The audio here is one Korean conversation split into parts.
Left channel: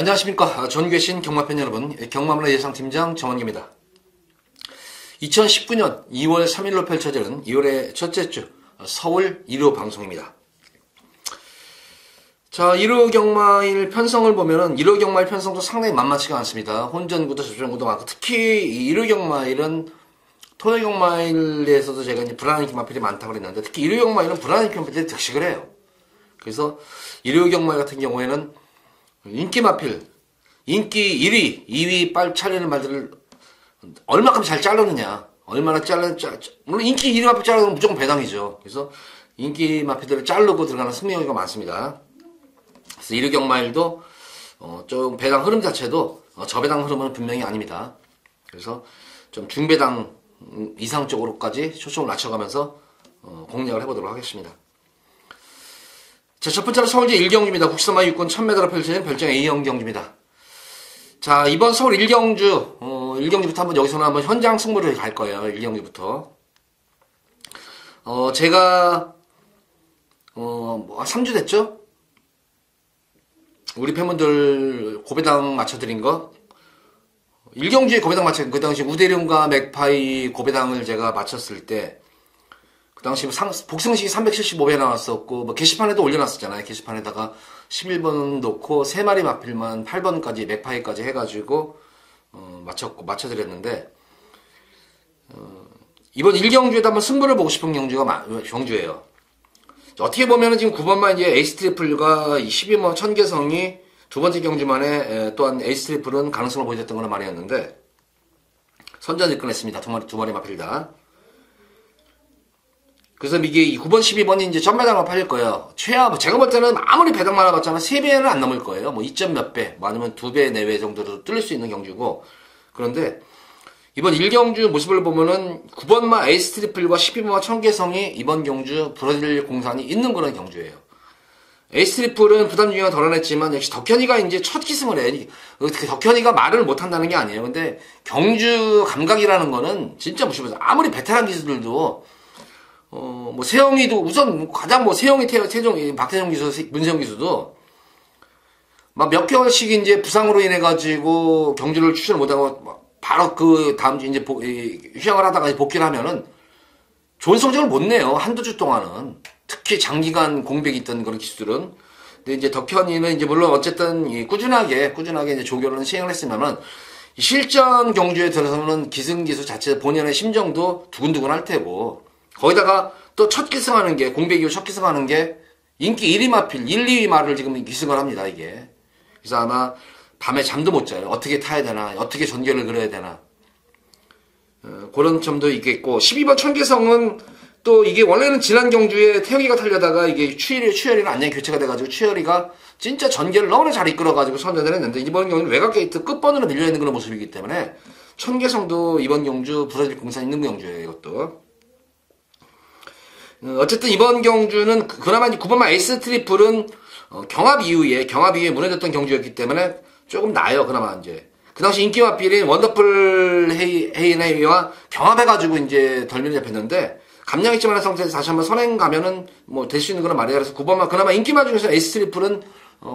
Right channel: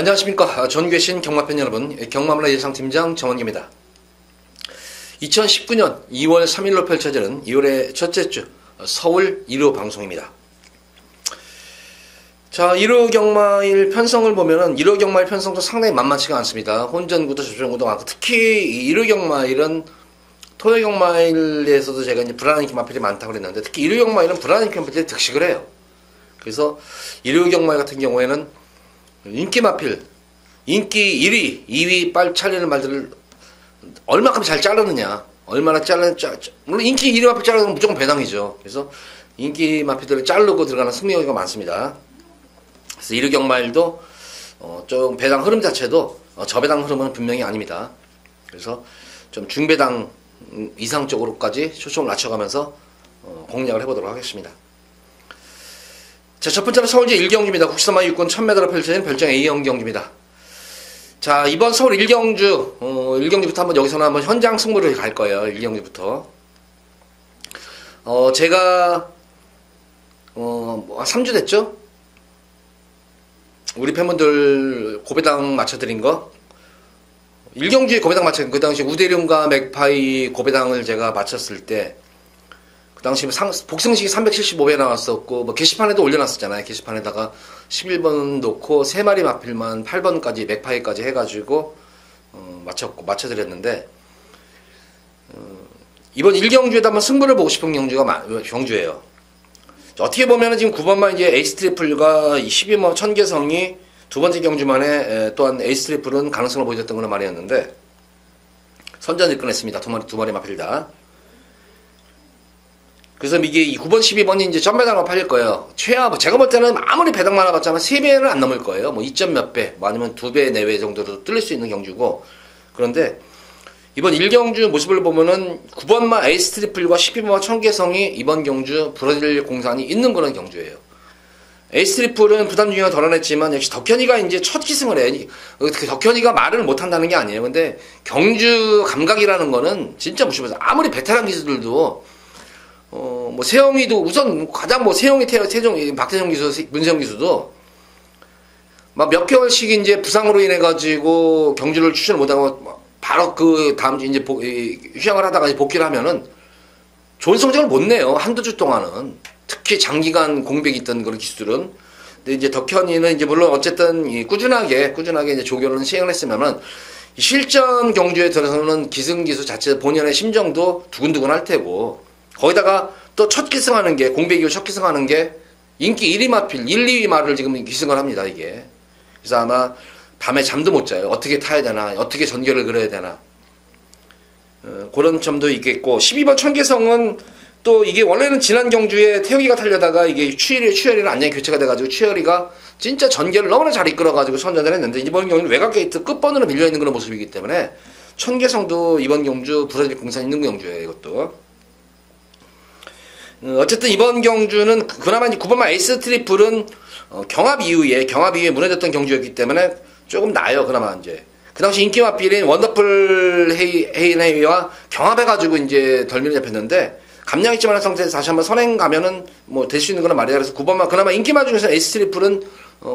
안녕하십니까. 전교신 경마팬 여러분, 경마문화 예상팀장 정원기입니다. 2019년 2월 3일로 펼쳐지는 2월의 첫째 주 서울 1호 방송입니다. 자, 1호 경마일 편성을 보면은 1호 경마일 편성도 상당히 만만치가 않습니다. 혼전구도 접전구도 많고, 특히 1호 경마일은 토요 경마일에서도 제가 이제 불안한 경마필이 많다고 그랬는데, 특히 1호 경마일은 불안한 경마필이 득식을 해요. 그래서 1호 경마일 같은 경우에는 인기 마필, 인기 1위, 2위 빨리 잘리는 말들을 얼마큼 잘 자르느냐, 얼마나 물론 인기 1위 마필 자르면 무조건 배당이죠. 그래서 인기 마필들을 자르고 들어가는 승리가 많습니다. 그래서 1위 경마일도 좀 배당 흐름 자체도 저배당 흐름은 분명히 아닙니다. 그래서 좀 중배당 이상 쪽으로까지 초점을 낮춰가면서 공략을 해보도록 하겠습니다. 자, 첫 번째는 서울제 1경주입니다. 국시사마 육군 1000m로 펼쳐진 별정 A형 경주입니다. 자, 이번 서울 1경주, 1경주부터 한번 여기서는 한번 현장 승부를 갈 거예요. 1경주부터. 제가, 3주 됐죠? 우리 팬분들 고배당 맞춰드린 거. 1경주에 고배당 맞춰, 그 당시 우대룡과 맥파이 고배당을 제가 맞췄을 때, 그 당시 복승식이 375배 나왔었고, 뭐 게시판에도 올려놨었잖아요. 게시판에다가 11번 놓고 3마리 마필만 8번까지 맥파이까지 해가지고 맞춰드렸는데, 이번 1경주에도 한번 승부를 보고 싶은 경주예요. 어떻게 보면은 지금 9번만 이제 에이스 트리플과 12번 천계성이 두 번째 경주만에 또한 에이스 트리플은 가능성을 보여줬던 그런 말이었는데, 선전을 끊었습니다. 두 마리 마필 다. 그래서 이게 9번, 12번이 이제 전배당으로 팔릴 거예요. 제가 볼 때는 아무리 배당 많아봤자면 3배는 안 넘을 거예요. 뭐 2점 몇 배, 뭐 아니면 2배 내외 정도로 뚫릴 수 있는 경주고. 그런데 이번 1경주 모습을 보면은 9번마 에이스 트리플과 12번마 청계성이 이번 경주 부러질 공산이 있는 그런 경주예요. 에이스 트리플은 부담 중요가 덜어냈지만 역시 덕현이가 이제 첫 기승을 해. 덕현이가 말을 못한다는 게 아니에요. 근데 경주 감각이라는 거는 진짜 무시해요. 아무리 베테랑 기수들도 뭐 세영이도 우선 가장 뭐 세영이 박태정 기수, 문세영 기수도 막 몇 개월씩 이제 부상으로 인해 가지고 경주를 출전을 못하고 바로 그 다음 주 이제 휴양을 하다가 이제 복귀를 하면은 좋은 성적을 못 내요. 한두 주 동안은. 특히 장기간 공백이 있던 그런 기수들은. 근데 이제 덕현이는 이제 물론 어쨌든 꾸준하게 이제 조교는 시행을 했으면은 실전 경주에 들어서는 기승기수 자체 본연의 심정도 두근두근 할 테고, 거기다가 또 첫 기승하는 게, 공백 이후 첫 기승하는 게 인기 1위 마필, 1, 2위 말을 지금 기승을 합니다, 이게. 그래서 아마 밤에 잠도 못 자요. 어떻게 타야 되나, 어떻게 전개를 그려야 되나. 그런 점도 있겠고, 12번 천계성은 또 이게 원래는 지난 경주에 태혁이가 타려다가 이게 추열이랑 안녕히 교체가 돼가지고 추열이가 진짜 전개를 너무나 잘 이끌어가지고 선전을 했는데, 이번 경우는 외곽 게이트 끝번으로 밀려있는 그런 모습이기 때문에 천계성도 이번 경주 부러질 공산 있는 경주예요, 이것도. 어쨌든 이번 경주는 그나마 9번마 에이스 트리플은 경합 이후에 무너졌던 경주였기 때문에 조금 나아요. 그나마 이제 그 당시 인기 마필인 원더풀 헤이네이와 경합해가지고 이제 덜 밀려잡혔는데, 감량 있지 않은 상태에서 다시 한번 선행 가면은 뭐 될 수 있는 그런 말이야. 그래서 9번마 그나마 인기마 중에서 에이스 트리플은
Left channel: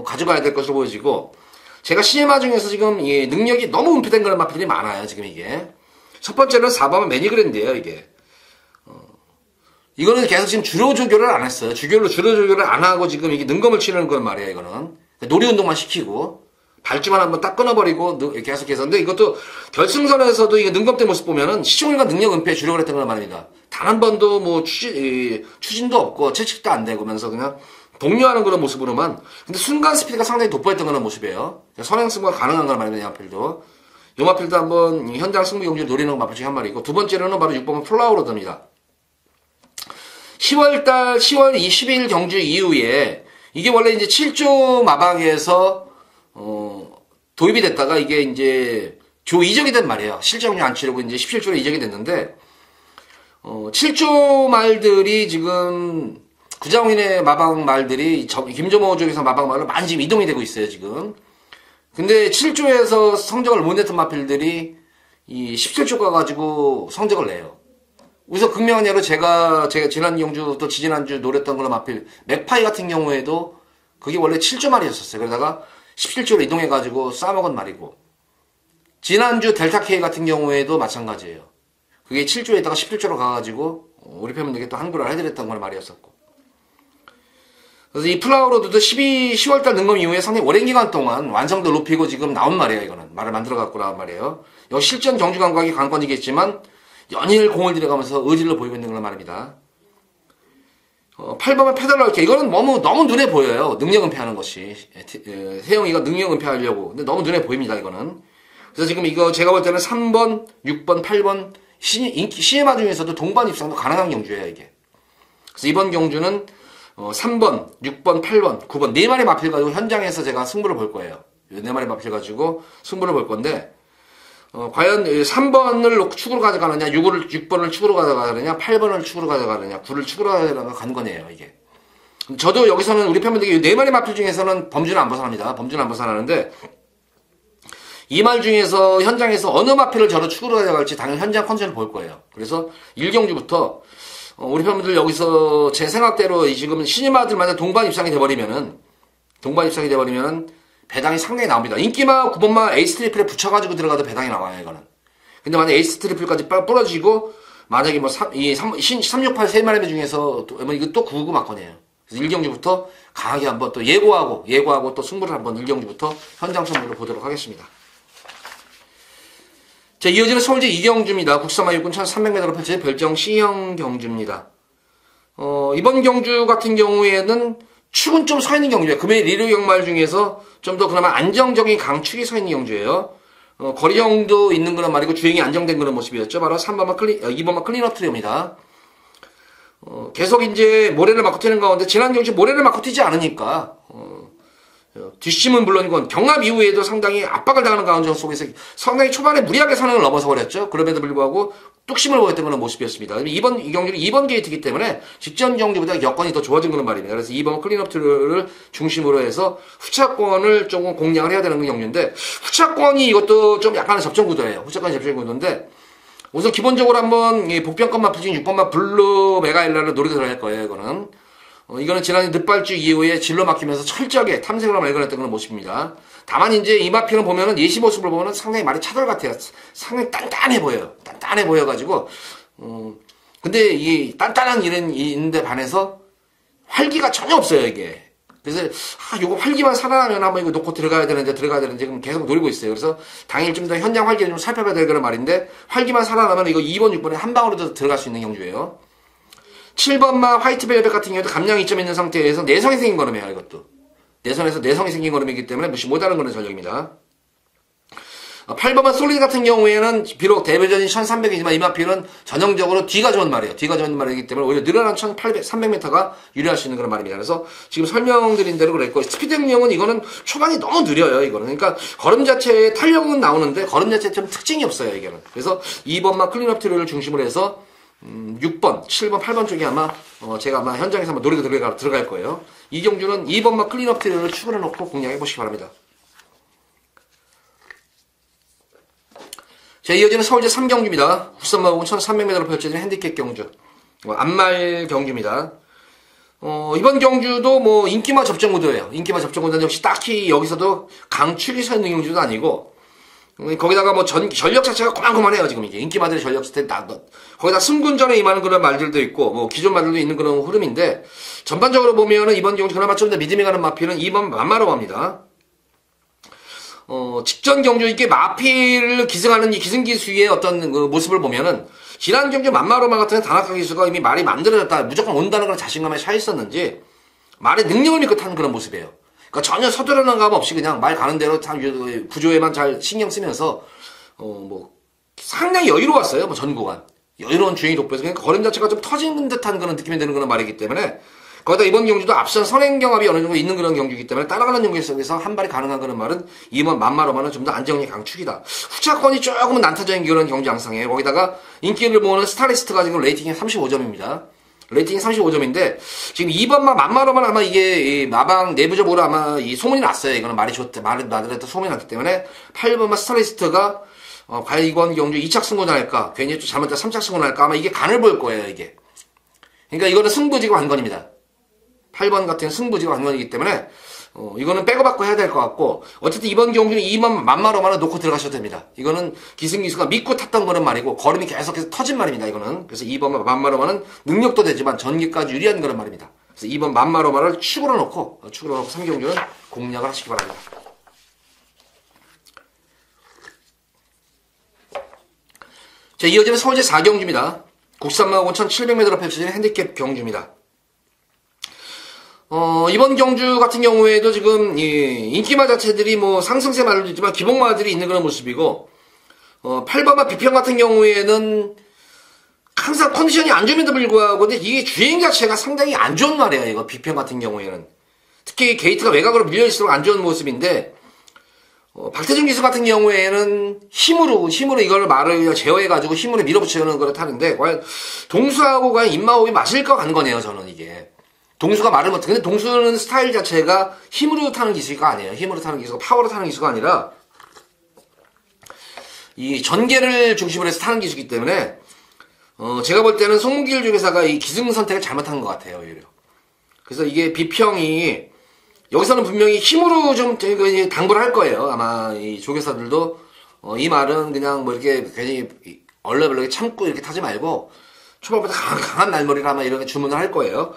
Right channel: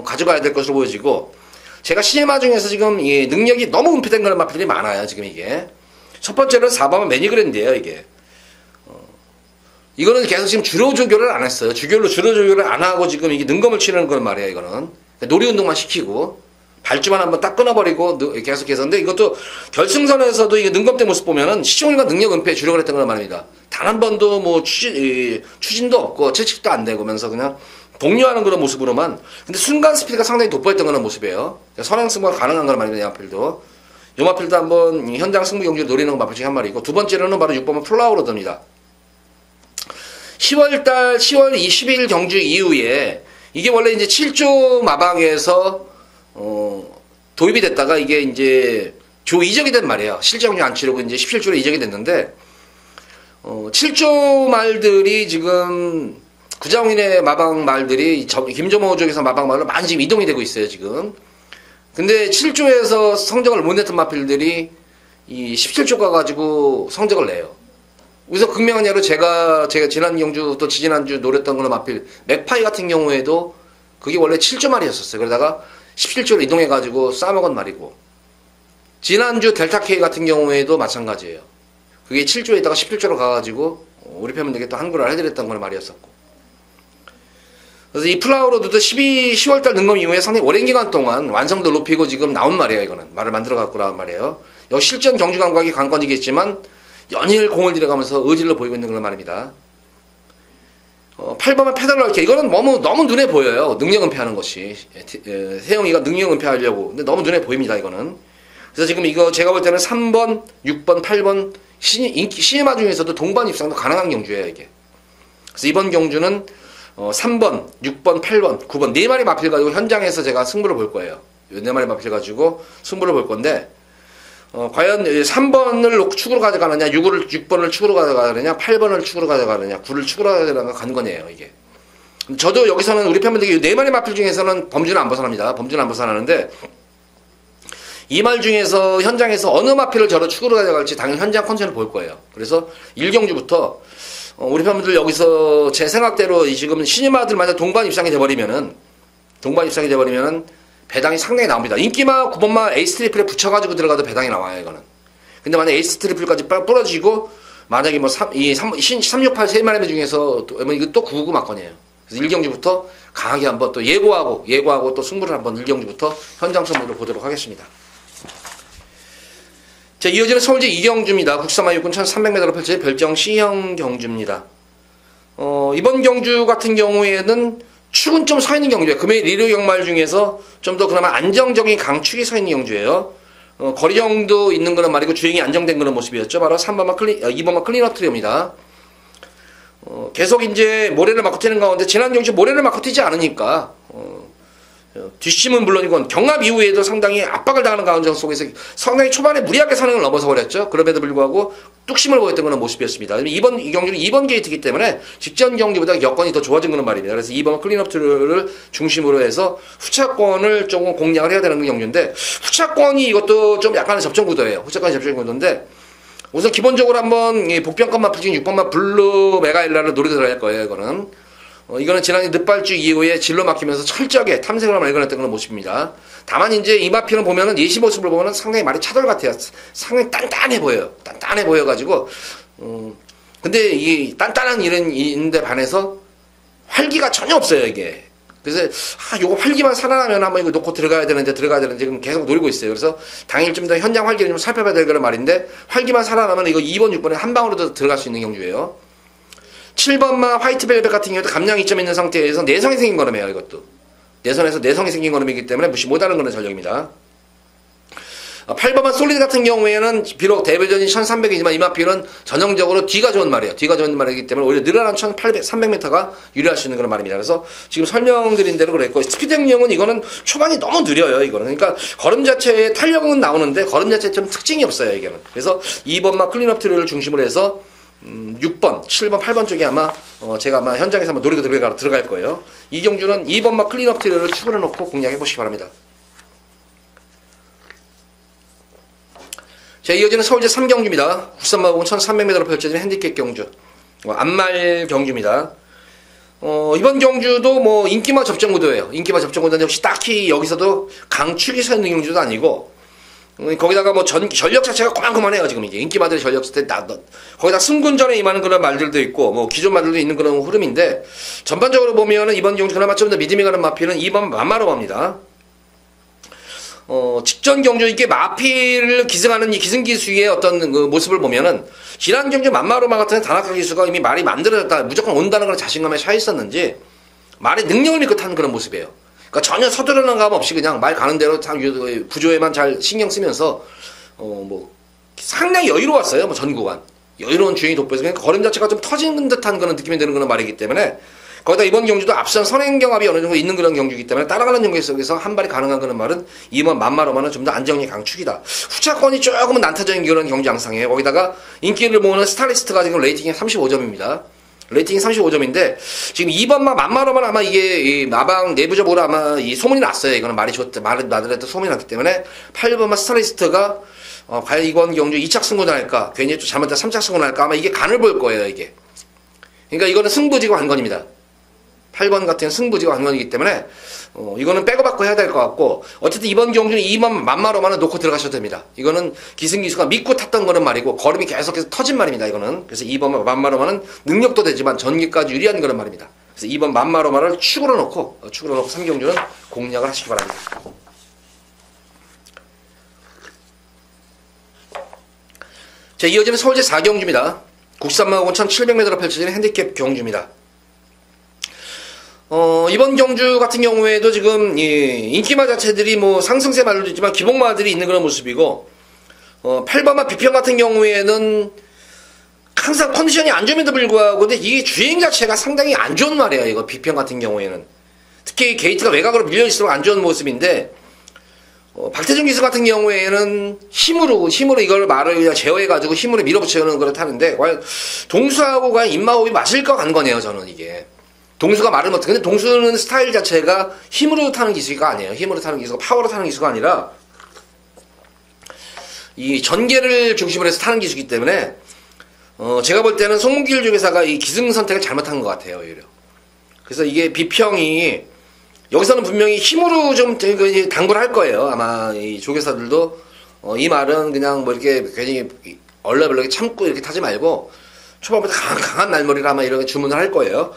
가져가야 될 것으로 보여지고, 제가 CMA 중에서 지금 이 능력이 너무 은폐된 그런 마필이 많아요. 지금 이게 첫 번째는 4번마 매니그랜드예요. 이게 이거는 계속 지금 주로 조교를 안 했어요. 주로 조교를 안 하고 지금 이게 능검을 치는 건 말이에요. 이거는 놀이 운동만 시키고 발주만 한번 딱 끊어버리고 계속해서. 근데 이것도 결승선에서도 이게 능검대 모습 보면은 시청률과 능력 은폐에 주력을 했던 건 말입니다. 단 한 번도 뭐 추진도 없고 채찍도 안 되고면서 그냥 복류하는 그런 모습으로만. 근데 순간 스피드가 상당히 돋보였던 그런 모습이에요. 선행 승부가 가능한 건 말입니다. 이 마필도 한번 현장 승부 경기를 노리는 건 마필 중에 한 마리고, 두 번째로는 바로 6번은 플라워로드입니다. 10월 20일 경주 이후에 이게 원래 이제 7조 마방에서 도입이 됐다가 이게 이제 조 이적이 된 말이에요. 실제 경주 안 치르고 이제 17조로 이적이 됐는데, 7조 말들이 지금 구자홍인의 마방 말들이 김조모 쪽에서 마방 말로 많이 지금 이동이 되고 있어요, 지금. 근데 7조에서 성적을 못 냈던 마필들이 이 17조 가가지고 성적을 내요. 우선 극명한 예로 제가 지난 경주 또 지지난주 노렸던 걸로 마필 맥파이 같은 경우에도 그게 원래 7조 말이었었어요. 그러다가 17조로 이동해가지고 싸먹은 말이고, 지난주 델타 K 같은 경우에도 마찬가지예요. 그게 7조에 있다가 17조로 가가지고 우리 팬분들께 또 한글을 해드렸던 건 말이었었고. 그래서 이 플라워로드도 10월달 능검 이후에 상당히 오랜 기간 동안 완성도 높이고 지금 나온 말이에요. 이거는 말을 만들어 갖고 나온 말이에요. 역시 실전 경주 감각이 관건이겠지만 연일 공을 들여가면서 의지를 보이고 있는 그런 말입니다. 8번은 페달러 이렇게 이거는 너무 눈에 보여요. 능력 은폐하는 것이 세영이가 능력 은폐하려고. 근데 너무 눈에 보입니다. 이거는. 그래서 지금 이거 제가 볼 때는 3번, 6번, 8번 시네마 중에서도 동반 입상도 가능한 경주예요. 이게. 그래서 이번 경주는 3번, 6번, 8번, 9번 4마리 마필 가지고 현장에서 제가 승부를 볼 거예요. 4마리 마필 가지고 승부를 볼 건데 과연 3번을 축으로 가져가느냐, 6번을 축으로 가져가느냐, 8번을 축으로 가져가느냐, 9를 축으로 가져가느냐 관건이에요, 이게. 저도 여기서는 우리 팬분들께 4마리 마필 중에서는 범주는 안 벗어납니다. 범주는 안 벗어나는데, 이 말 중에서 현장에서 어느 마필을 저로 축으로 가져갈지 당연히 현장 컨셉을 볼 거예요. 그래서 1경주부터, 우리 팬분들 여기서 제 생각대로 지금 신인마들 만약 동반 입상이 돼버리면은, 배당이 상당히 나옵니다. 인기마 9번마 에이스 트리플에 붙여가지고 들어가도 배당이 나와요, 이거는. 근데 만약 에이스 트리플까지 부러지고, 만약에 368 3마리 중에서, 이거 또 999 막건이에요. 그래서 1경주부터 강하게 한번 또 예고하고 또 승부를 한번 1경주부터 현장 승부를 보도록 하겠습니다. 자, 이어지는 서울제 2경주입니다. 국사마 육군 1300m로 펼쳐진 별정 C형 경주입니다. 이번 경주 같은 경우에는 축은 좀 서 있는 경주예요. 금일 리그 경말 중에서 좀 더 그나마 안정적인 강축이 서 있는 경주예요. 거리형도 있는 그런 말이고 주행이 안정된 그런 모습이었죠. 바로 2번마 클린업 트리오입니다. 계속 이제 모래를 맞고 튀는 가운데 지난 경주 모래를 맞고 튀지 않으니까 뒷심은 물론이건 경합 이후에도 상당히 압박을 당하는 가운데 속에서 상당히 초반에 무리하게 선행을 넘어서 버렸죠. 그럼에도 불구하고 뚝심을 보였던 그런 모습이었습니다. 이 경기는 2번 게이트이기 때문에 직전 경기보다 여건이 더 좋아진 그런 말입니다. 그래서 2번 클린업트를 중심으로 해서 후차권을 조금 공략을 해야 되는 경기인데, 후차권이 이것도 좀 약간의 접전 구도예요. 후차권이 접전 구도인데, 우선 기본적으로 한번 복병권 마프 중에 6번마 블루 메가일라를 노리고 들어갈 거예요. 이거는 지난 늦발주 이후에 진로 막히면서 철저하게 탐색을 발견했던 그런 모습입니다. 다만 이제 이 마피는 보면은 예시 모습을 보면은 상당히 말이 차돌 같아요. 상당히 단단해 보여요. 단단해 보여가지고 근데 이 단단한 일인데 반해서 활기가 전혀 없어요, 이게. 그래서 요거 활기만 살아나면 한번 이거 놓고 들어가야 되는데 지금 계속 노리고 있어요. 그래서 당일 좀 더 현장 활기를 좀 살펴봐야 될 그런 말인데, 활기만 살아나면 이거 2번, 6번에 한 방으로 더 들어갈 수 있는 경주예요. 7번마 화이트벨벳 같은 경우도 감량 2점 있는 상태에서 내성이 생긴 걸음이에요. 이것도 내선에서 내성이 생긴 걸음이기 때문에 무시 못하는 그런 전력입니다. 8번마 솔리드 같은 경우에는 비록 대배전이 1300이지만 이 마필은 전형적으로 뒤가 좋은 말이에요. 뒤가 좋은 말이기 때문에 오히려 늘어난 300m가 유리할 수 있는 그런 말입니다. 그래서 지금 설명드린 대로 그랬고, 스피드 행령은 이거는 초반이 너무 느려요. 이거는 그러니까 걸음 자체에 탄력은 나오는데 걸음 자체에 좀 특징이 없어요. 이게는. 그래서 2번마 클린업 트리를 중심으로 해서 6번, 7번, 8번 쪽에 아마 제가 아마 현장에서 한번 노리고 들어갈 거예요. 이 경주는 2번마 클린업 트리를 축으로 놓고 공략해 보시기 바랍니다. 자, 이어지는 서울제 3경주입니다. 국산마곡은 1300m로 펼쳐진 핸디캡 경주. 안말 경주입니다. 이번 경주도 인기마 접전 구도예요. 인기마 접전 구도는 역시 딱히 여기서도 강축이 서 있는 경주도 아니고, 거기다가 전력 자체가 고만고만해요, 지금 이게. 인기마들의 전력 자체, 거기다 승군전에 임하는 그런 말들도 있고, 기존 말들도 있는 그런 흐름인데, 전반적으로 보면은 이번 경주 그나마 좀 더 믿음이 가는 마필은 2번 만마로마입니다. 직전 경주 이게 마필을 기승하는 이 기승기수의 어떤 그 모습을 보면은, 지난 경주 만마로마 같은 다나카 기수가 이미 말이 만들어졌다, 무조건 온다는 그런 자신감에 차 있었는지, 말의 능력을 믿고 타는 그런 모습이에요. 그러니까 전혀 서두르는 감 없이 그냥 말 가는 대로 구조에만 잘 신경 쓰면서, 상당히 여유로웠어요, 전 구간. 여유로운 주행이 돋보여서, 그러니까 걸음 자체가 좀 터지는 듯한 그런 느낌이 드는 그런 말이기 때문에, 거기다 이번 경주도 앞선 선행 경합이 어느 정도 있는 그런 경주이기 때문에 따라가는 경기 속에서 한 발이 가능한 그런 말은 이번 만마로마는 좀 더 안정력이 강축이다. 후차권이 조금은 난타적인 그런 경주 양상이에요. 거기다가 인기를 모으는 스타리스트가 지금 레이팅이 35점입니다. 레이팅이 35점인데 지금 2번마 만마로만 아마 이게 이 마방 내부적으로 아마 이 소문이 났어요. 이거는 말이 좋다. 말들한테 소문이 났기 때문에 8번마 스타리스트가 과연 이번 경주 2착 승부할까? 괜히 또 잘못된 3착 승부할까? 아마 이게 간을 볼 거예요, 이게. 그러니까 이거는 승부지가 관건입니다. 8번 같은 승부지가 관건이기 때문에 이거는 빼고받고 해야 될 것 같고, 어쨌든 이번 경주는 2번 만마로만은 놓고 들어가셔도 됩니다. 이거는 기승기수가 믿고 탔던 거는 말이고, 걸음이 계속해서 터진 말입니다, 이거는. 그래서 2번 만마로만은 능력도 되지만 전기까지 유리한 그런 말입니다. 그래서 2번 만마로만을 축으로 놓고 3경주는 공략을 하시기 바랍니다. 자, 이어지는 서울제 4경주입니다. 93만 5,700m로 펼쳐지는 핸디캡 경주입니다. 이번 경주 같은 경우에도 지금, 인기마 자체들이 뭐 상승세 말도 있지만 기복마들이 있는 그런 모습이고, 8번마 비평 같은 경우에는 항상 컨디션이 안 좋음에도 불구하고, 근데 이게 주행 자체가 상당히 안 좋은 말이에요, 이거 비평 같은 경우에는. 특히 게이트가 외곽으로 밀려있으면 안 좋은 모습인데, 박태준 기수 같은 경우에는 힘으로 이걸 말을 그냥 제어해가지고 힘으로 밀어붙이는 걸 타는데, 과연 동수하고 과연 입마호흡이 맞을 것 같은 거네요, 저는 이게. 동수가 말은 어떻게, 근데 동수는 스타일 자체가 힘으로 타는 기수가 아니에요. 힘으로 타는 기수가, 파워로 타는 기수가 아니라, 이 전개를 중심으로 해서 타는 기수이기 때문에, 제가 볼 때는 송길 조교사가 이 기승 선택을 잘못한 것 같아요, 오히려. 그래서 이게 비평이, 여기서는 분명히 힘으로 좀 당구를 할 거예요. 아마 이 조교사들도, 이 말은 그냥 뭐 이렇게 괜히 얼렁얼렁 참고 이렇게 타지 말고, 초반부터 강한 날머리를 아마 이렇게 주문을 할 거예요.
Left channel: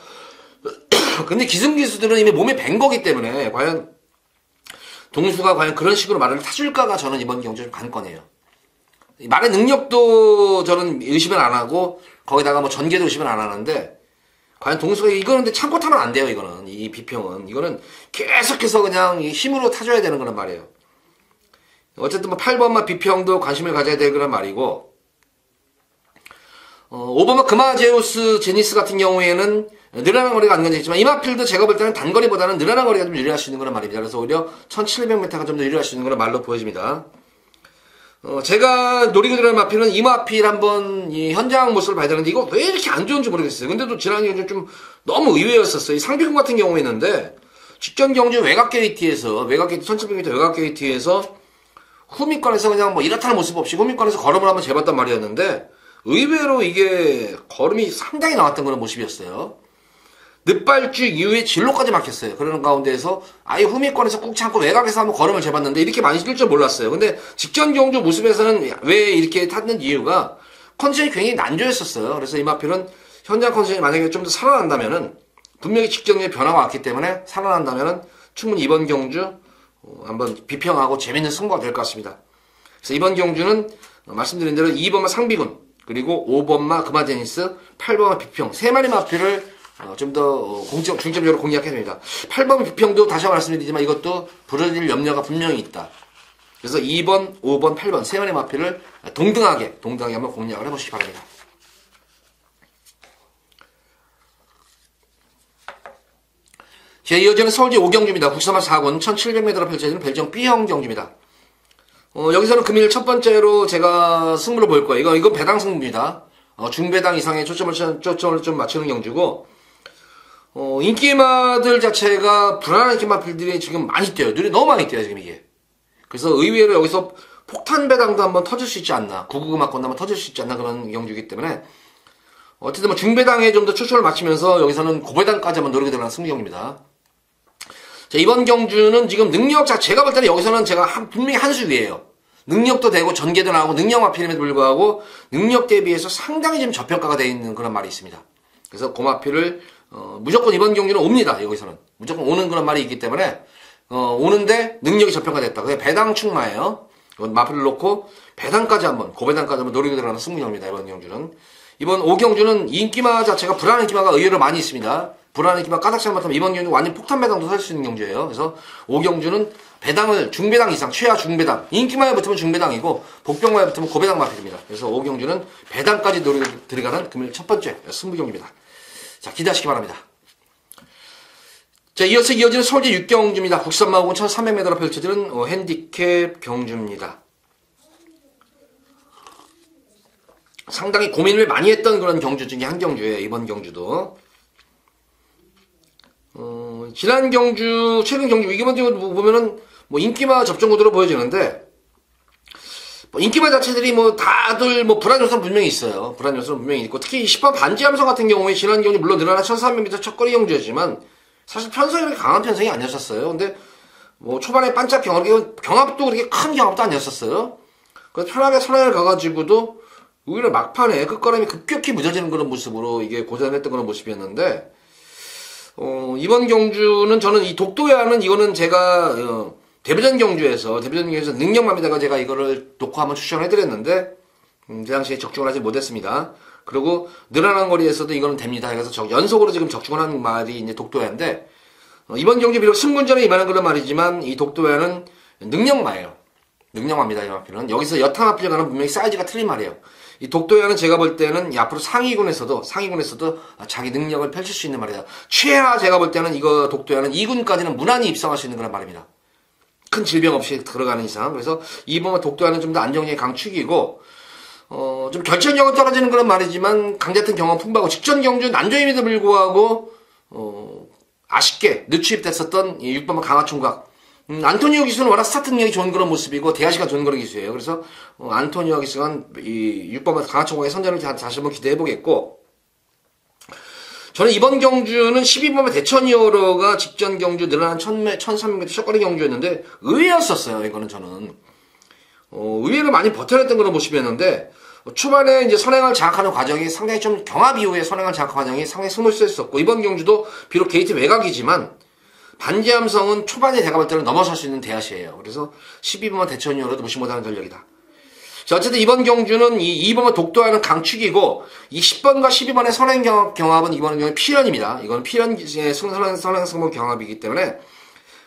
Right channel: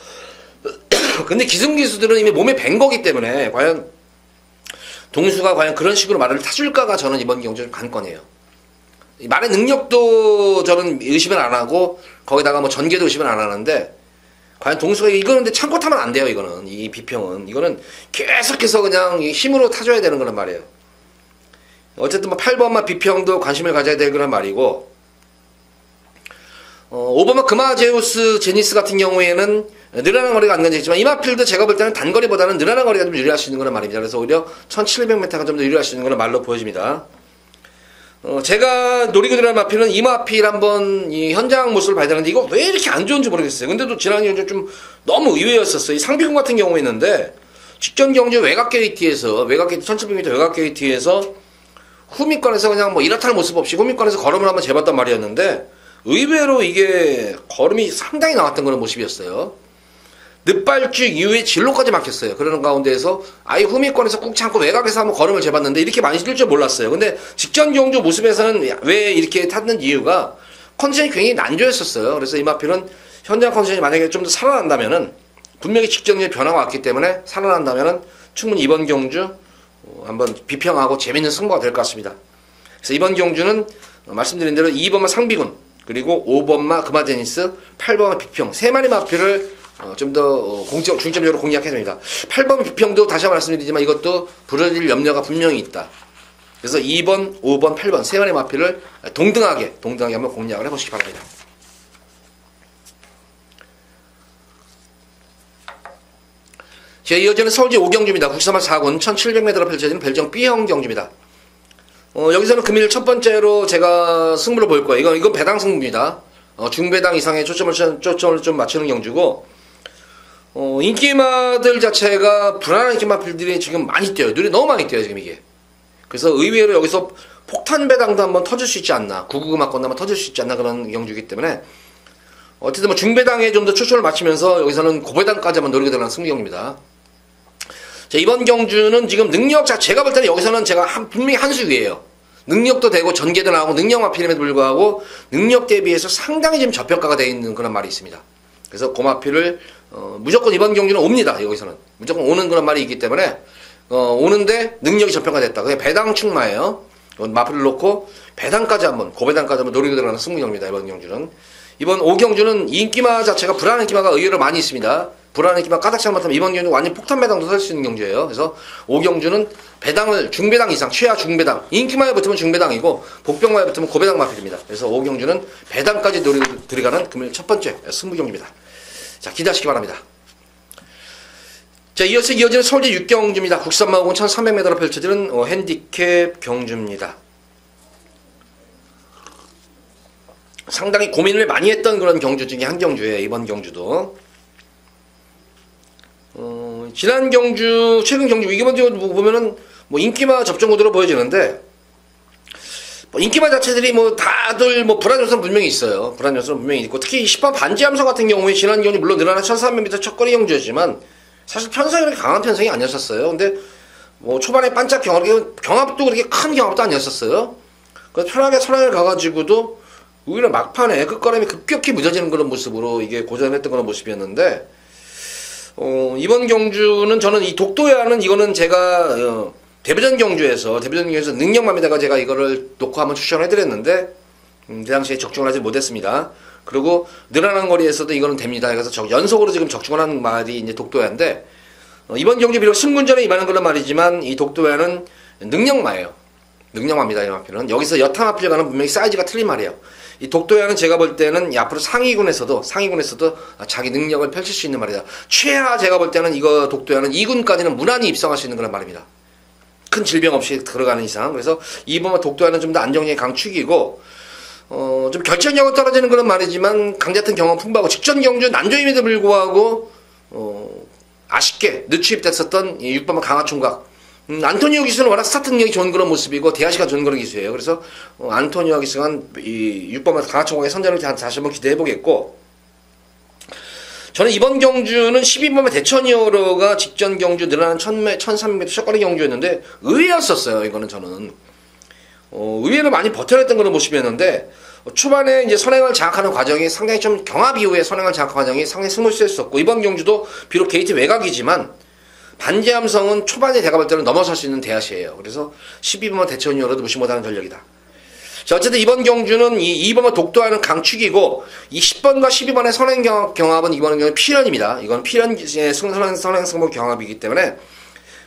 근데 기승기수들은 이미 몸에 밴 거기 때문에 과연 동수가 과연 그런 식으로 말을 타줄까가 저는 이번 경주 관건이에요. 말의 능력도 저는 의심을 안 하고 거기다가 뭐 전개도 의심을 안 하는데 과연 동수가 이거는 근데 참고 타면 안 돼요. 이거는 이 비평은 이거는 계속해서 그냥 힘으로 타줘야 되는 거란 말이에요. 어쨌든 뭐 8번마 비평도 관심을 가져야 될 그런 말이고 5번마 금화제우스 제니스 같은 경우에는 늘어난 거리가 안 gan지있지만 이마필드 제가 볼 때는 단거리보다는 늘어난 거리가 좀 유리할 수 있는 그런 말입니다. 그래서 오히려 1700m가 좀 더 유리할 수 있는 그런 말로 보여집니다. 제가 노리고 들어간 마필은 이마필 한번 이 현장 모습을 봐야 되는데 이거 왜 이렇게 안 좋은지 모르겠어요. 근데 또 지난 경주 좀 너무 의외였었어요. 이 상비군 같은 경우에 있는데 직전 경주 외곽 게이트에서 1700m 외곽 게이트에서 후미권에서 그냥 뭐 이렇다는 모습 없이 후미권에서 걸음을 한번 재봤단 말이었는데 의외로 이게 걸음이 상당히 나왔던 그런 모습이었어요. 늦발주 이후에 진로까지 막혔어요. 그러는 가운데에서 아예 후미권에서 꾹 참고 외곽에서 한번 걸음을 재봤는데 이렇게 많이 뛸 줄 몰랐어요. 근데 직전 경주 모습에서는 왜 이렇게 탔는 이유가 컨디션이 굉장히 난조했었어요. 그래서 이마필은 현장 컨디션이 만약에 좀 더 살아난다면은 분명히 직전에 변화가 왔기 때문에 살아난다면은 충분히 이번 경주 한번 비평하고 재밌는 승부가 될 것 같습니다. 그래서 이번 경주는 말씀드린 대로 2번마 상비군 그리고 5번마 금화제니스 8번마 비평 세 마리 마필을 좀 더 중점적으로 공략해야 됩니다. 8번 비평도 다시 한번 말씀드리지만 이것도 부러질 염려가 분명히 있다. 그래서 2번, 5번, 8번 세 마리 마필을 동등하게 한번 공략을 해보시기 바랍니다. 자, 이어지는 서울제 5경주입니다. 국사마 4군 1700m로 펼쳐지는 별정 B형 경주입니다. 여기서는 금일 첫 번째로 제가 승부를 볼 거예요. 이건 배당 승부입니다. 중배당 이상의 초점을 좀 맞추는 경주고, 인기마들 자체가 불안한 인기마들이 지금 많이 뛰어요. 눈이 너무 많이 뛰어요, 지금 이게. 그래서 의외로 여기서 폭탄 배당도 한번 터질 수 있지 않나, 999마건도 한번 터질 수 있지 않나 그런 경주이기 때문에, 어쨌든 뭐 중배당에 좀 더 초점을 맞추면서 여기서는 고배당까지 한번 노리게 되는 승부경입니다. 자, 이번 경주는 지금 능력 제가 볼 때는 여기서는 제가 분명히 한 수 위에요. 능력도 되고 전개도 나오고 능력 마필임에도 불구하고 능력 대비해서 상당히 지금 저평가가 되어 있는 그런 말이 있습니다. 그래서 고마필을 무조건 이번 경주는 옵니다. 여기서는 무조건 오는 그런 말이 있기 때문에 오는데 능력이 저평가됐다. 그냥 배당 충마예요. 마필을 놓고 배당까지 한번 고배당까지 한번 노리고 들어가는 승부경입니다. 이번 경주는 이번 5경주는 인기마 자체가 불안한 인기마가 의외로 많이 있습니다. 불안한 인기마 까닥 잘못하면 이번 경주는 완전 폭탄 배당도 살 수 있는 경주예요. 그래서 5경주는 배당을 중배당 이상 최하 중배당 인기마에 붙으면 중배당이고 복병마에 붙으면 고배당 마필입니다. 그래서 5경주는 배당까지 노리고 들어가는 금일 첫 번째 승부경입니다. 자, 기대하시기 바랍니다. 자, 이어서 이어지는 서울제 6경주입니다. 국산마공은 1300m로 펼쳐지는 핸디캡 경주입니다. 상당히 고민을 많이 했던 그런 경주 중에 한 경주예요. 이번 경주도. 지난 경주, 최근 경주, 이번 경주 보면은 뭐 인기마 접전 구도로 보여지는데, 뭐 인기마 자체들이 뭐 다들 뭐 불안 요소는 분명히 있어요. 불안 요소는 분명히 있고, 특히 10번 반지 함성 같은 경우에 지난 경주 물론 늘어난 1300m 첫거리 경주였지만, 사실 편성이 그렇게 강한 편성이 아니었었어요. 근데 뭐 초반에 반짝 경합도 그렇게 큰 경합도 아니었었어요. 그래서 편하게 선행을 가가지고도 오히려 막판에 끝걸음이 급격히 무뎌지는 그런 모습으로 이게 고전했던 그런 모습이었는데, 이번 경주는 저는 이 독도야는 이거는 제가 데뷔전 경주에서 능력맘에다가 제가 이거를 놓고 한번 추천을 해드렸는데, 그 당시에 적중을 하지 못했습니다. 그리고 늘어나는 거리에서도 이거는 됩니다. 그래서 연속으로 지금 적중을 하는 말이 이제 독도야인데, 이번 경주 비록 승군전에 임하는 그런 말이지만 이 독도야는 능력마예요. 능력마입니다. 이 마필은 여기서 여탕마필과는 분명히 사이즈가 틀린 말이에요. 이 독도야는 제가 볼 때는 앞으로 상위군에서도 자기 능력을 펼칠 수 있는 말이다. 최하 제가 볼 때는 이거 독도야는 2군까지는 무난히 입성할 수 있는 그런 말입니다. 큰 질병 없이 들어가는 이상. 그래서 이번 독도야는 좀 더 안정력의 강축이고, 좀 결정력은 떨어지는 그런 말이지만 강자튼 경험 풍부하고 직전 경주 난조임에도 불구하고 아쉽게 늦추입됐었던 이 6번마 강화총각. 안토니오 기수는 워낙 스타트 능력이 좋은 그런 모습이고 대하시가 좋은 그런 기수예요. 그래서 안토니오 기수가 이 6번마 강화총각의 선전을 다시 한번 기대해보겠고, 저는 이번 경주는 12번마 대천이어로가 직전 경주 늘어난 1300m 샷거리 경주였는데 의외였었어요. 이거는 저는 의외로 많이 버텨냈던 그런 모습이었는데, 초반에 이제 선행을 장악하는 과정이 상당히 좀 경합 이후에 선행을 장악하는 과정이 상당히 스무스했었고, 이번 경주도 비록 게이트 외곽이지만 반지함성은 초반에 제가 볼 때는 넘어설 수 있는 대하시예요. 그래서 12번마 대천이어로도 무시 못하는 전력이다. 자, 어쨌든 이번 경주는 이 2번마 독도야는 강축이고, 이 10번과 12번의 선행 경합은 이번 경우는 필연입니다. 이건 필연의 선행 승부 경합이기 때문에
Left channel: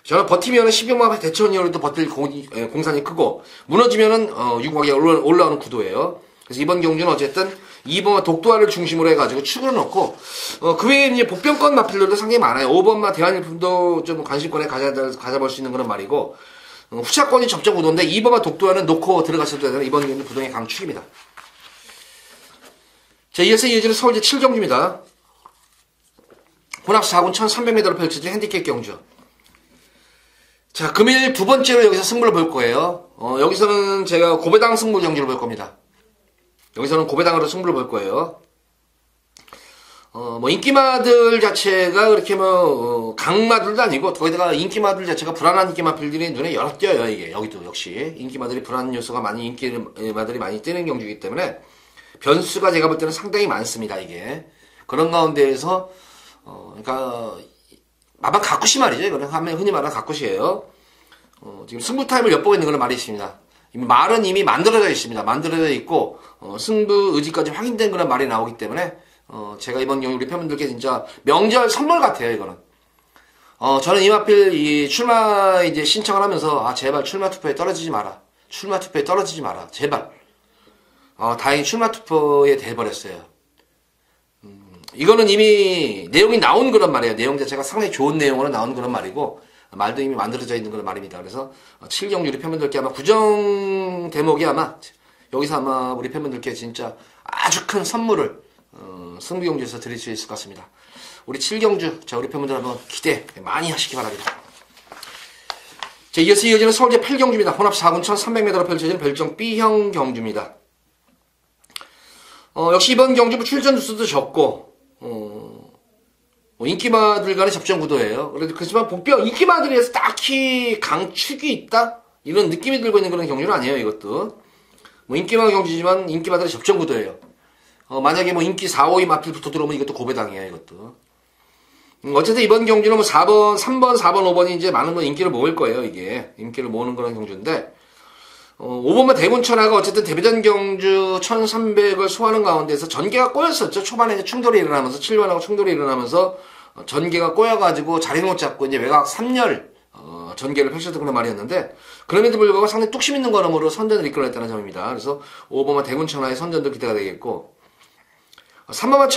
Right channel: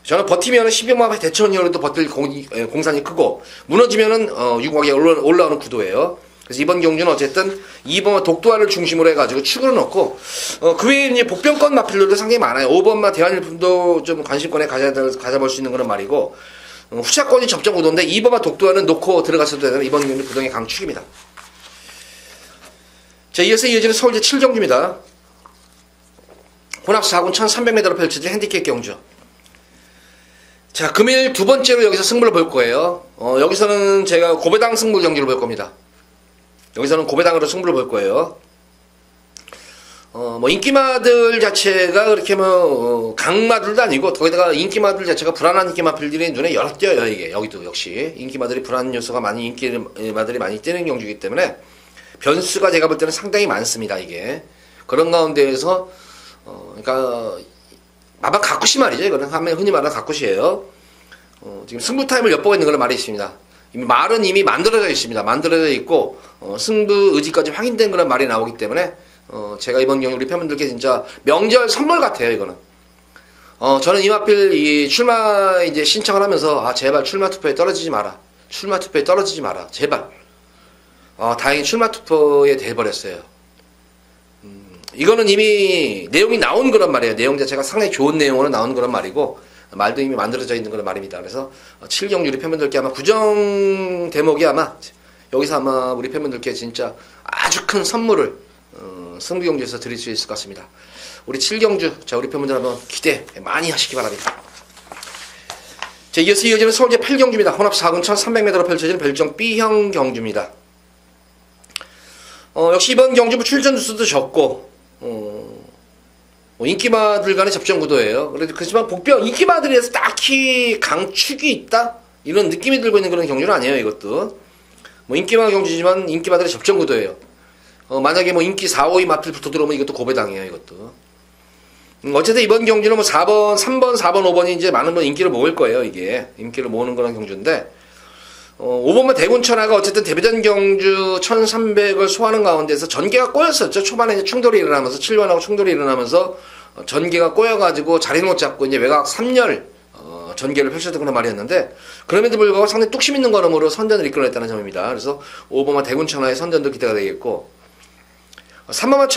저는 버티면은 12번마 대천이어로도 버틸 공산이 크고, 무너지면은 유곽에 올라오는 구도예요. 그래서 이번 경주는 어쨌든 2번마 독도야를 중심으로 해가지고 축으로 넣고, 그 외에 이제 복병권 마필들도 상당히 많아요. 5번마 대한일품도 좀 관심권에 가져볼 수 있는 그런 말이고, 후차권이 접점 구도인데 2번마 독도야는 놓고 들어갔을 때는 이번 경기 구동의 강축입니다. 자, 이어서 이어지는 서울제 7경주입니다. 혼합 4군 1300m로 펼쳐진 핸디캡 경주. 자, 금일 두 번째로 여기서 승부를 볼 거예요. 여기서는 제가 고배당 승부 경기를 볼 겁니다. 여기서는 고배당으로 승부를 볼 거예요. 뭐 인기마들 자체가 그렇게 강마들도 아니고, 거기다가 인기마들 자체가 불안한 인기마들이 눈에 여러 띄어요. 이게 여기도 역시 인기마들이 불안 요소가 많이 인기마들이 많이 뜨는 경주이기 때문에 변수가 제가 볼 때는 상당히 많습니다. 이게 그런 가운데에서 그러니까 마방 가쿠시 말이죠. 이거는 흔히 말하는 가쿠시예요. 지금 승부 타임을 엿보고 있는 그런 말이 있습니다. 말은 이미 만들어져 있습니다. 만들어져 있고 승부 의지까지 확인된 그런 말이 나오기 때문에 제가 이번 경기 우리 팬분들께 진짜 명절 선물 같아요. 이거는 저는 이마필 이 출마 이제 신청을 하면서 제발 출마 투표에 떨어지지 마라. 출마 투표에 떨어지지 마라. 제발. 다행히 출마 투표에 돼버렸어요. 이거는 이미 내용이 나온 그런 말이에요. 내용 자체가 상당히 좋은 내용으로 나온 그런 말이고, 말도 이미 만들어져 있는 그런 말입니다. 그래서 7경주 우리 팬분들께 아마 구정 대목이 아마 여기서 아마 우리 팬분들께 진짜 아주 큰 선물을 승부경주에서 드릴 수 있을 것 같습니다. 우리 7경주, 자, 우리 팬분들 한번 기대 많이 하시기 바랍니다. 자, 이어서 이어지는 서울제 8경주입니다. 혼합 4군 1300m로 펼쳐지는 별정 B형 경주입니다. 역시 이번 경주 출전 수도 적고, 인기마들간의 접전 구도예요. 그렇지만 복병 인기마들에서 딱히 강축이 있다? 이런 느낌이 들고 있는 그런 경주는 아니에요. 이것도 인기마 경주지만 인기마들의 접전 구도예요. 만약에 인기 4, 5위 마필 붙어 들어오면 이것도 고배당이에요. 이것도 어쨌든 이번 경주는 4번, 3번, 4번, 5번이 이제 많은 분 인기를 모을 거예요. 이게 인기를 모으는 그런 경주인데, 5번마 대군천하가 어쨌든 데뷔전 경주 1300을 소화하는 가운데서 전개가 꼬였었죠. 초반에 이제 충돌이 일어나면서 7번하고 충돌이 일어나면서 전개가 꼬여가지고 자리 못 잡고 이제 외곽 3열 전개를 펼쳤던 그런 말이었는데, 그럼에도 불구하고 상당히 뚝심 있는 걸음으로 선전을 이끌어냈다는 점입니다. 그래서 5번마 대군천하의 선전도 기대가 되겠고, 3번마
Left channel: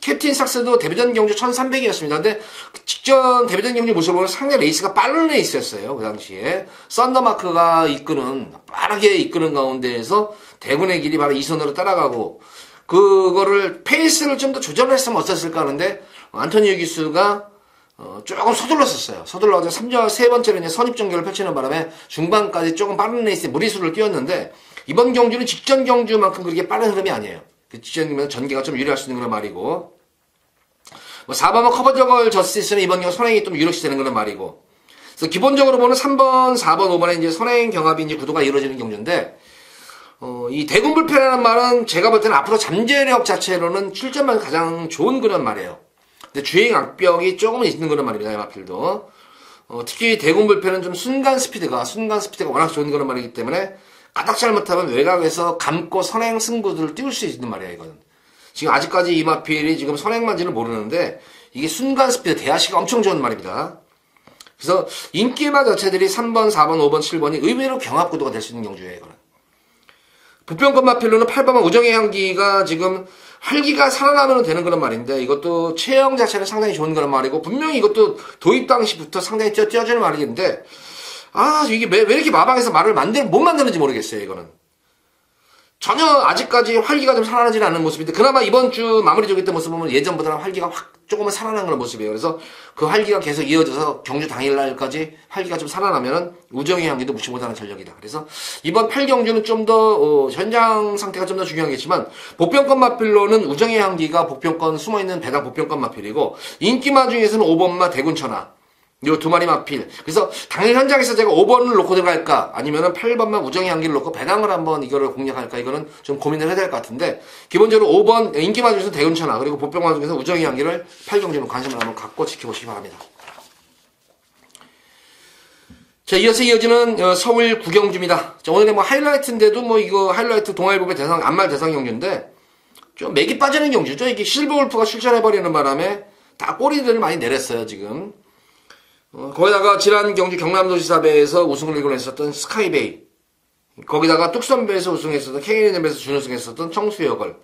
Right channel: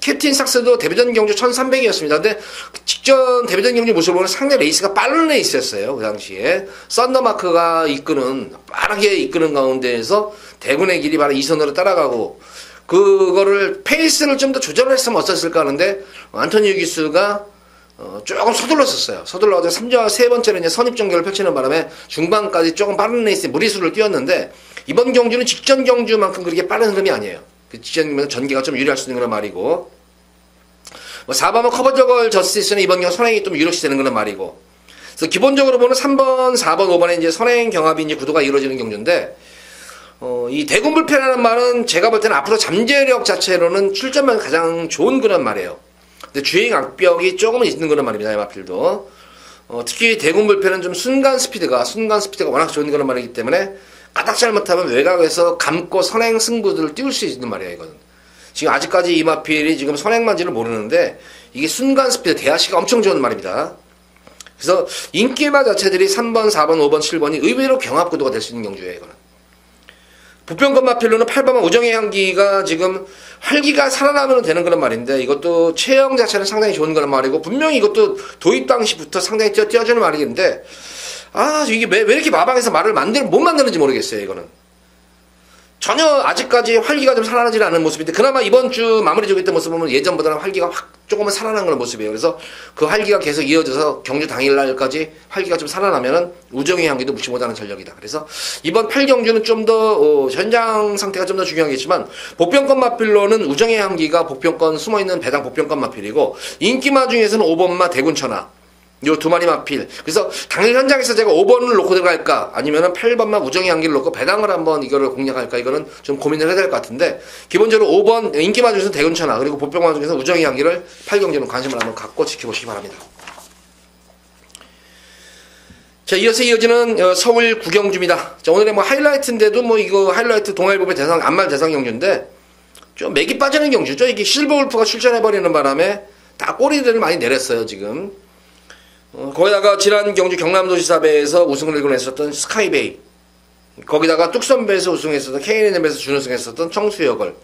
캡틴 삭스도 데뷔전 경주 1300이었습니다. 근데 직전 데뷔전 경주 모습을 보면 상당히 레이스가 빠른 레이스였어요. 그 당시에 썬더마크가 빠르게 이끄는 가운데에서 대군의 길이 바로 2선으로 따라가고, 그거를 페이스를 좀 더 조절을 했으면 어땠을까 하는데 안토니오 기수가 조금 서둘렀었어요. 서둘러서 세 번째로 이제 선입전개를 펼치는 바람에 중반까지 조금 빠른 레이스에 무리수를 띄웠는데, 이번 경주는 직전 경주만큼 그렇게 빠른 흐름이 아니에요. 그 직전이면 전개가 좀 유리할 수 있는 그런 말이고, 뭐 4번은 커버저걸 저스티스는 이번 경우 선행이 좀 유력시 되는 그런 말이고. 그래서 기본적으로 보는 3번, 4번, 5번에 이제 선행 경합이 이제 구도가 이루어지는 경주인데, 이 대군불패라는 말은 제가 볼 때는 앞으로 잠재력 자체로는 출전만 가장 좋은 그런 말이에요. 근데 주행 악벽이 조금은 있는 그런 말입니다. 이 마필도. 특히 대군불패는 좀 순간 스피드가 워낙 좋은 그런 말이기 때문에 까딱 잘못하면 외곽에서 감고 선행 승부들을 띄울 수 있는 말이에요, 이건. 지금 아직까지 이 마필이 지금 선행만지를 모르는데 이게 순간 스피드, 대하시가 엄청 좋은 말입니다. 그래서 인기마 자체들이 3번, 4번, 5번, 7번이 의외로 경합구도가 될 수 있는 경주예요, 이거는. 부평권 마필로는 8번은 우정의 향기가 지금 활기가 살아나면 되는 그런 말인데 이것도 체형 자체는 상당히 좋은 그런 말이고 분명히 이것도 도입 당시부터 상당히 띄어주는 말인데 이게 왜 이렇게 마방에서 말을 못 만드는지 모르겠어요, 이거는. 전혀 아직까지 활기가 좀 살아나지 않는 모습인데 그나마 이번 주 마무리 조기 때 모습 보면 예전보다는 활기가 확 조금은 살아난 그런 모습이에요. 그래서 그 활기가 계속 이어져서 경주 당일날까지 활기가 좀 살아나면은 우정의 향기도 무시 못하는 전력이다. 그래서 이번 8경주는 좀 더 현장 상태가 좀 더 중요하겠지만 복병권 마필로는 우정의 향기가 복병권 숨어있는 배당 복병권 마필이고 인기마 중에서는 5번마 대군천하 요 두 마리 마필. 그래서 당일 현장에서 제가 5번을 놓고 들어갈까 아니면은 8번만 우정의 향기를 놓고 배당을 한번 이거를 공략할까 이거는 좀 고민을 해야 될 것 같은데 기본적으로 5번 인기마 중에서 대군천하 그리고 복병마 중에서 우정의 향기를 8경주로 관심을 한번 갖고 지켜보시기 바랍니다. 자, 이어서 이어지는 서울 구경주입니다. 자, 오늘의 뭐 하이라이트인데도 뭐 이거 하이라이트 동아일보의 대상 안말 대상 경주인데 좀 맥이 빠지는 경주죠. 이게 실버울프가 출전해버리는 바람에 다 꼬리들을 많이 내렸어요, 지금. 거기다가 지난 경주 경남도지사배에서 우승을 일궈냈었던 스카이베이, 거기다가 뚝섬배에서 우승했었던 KNM에서 준우승했었던 청수여걸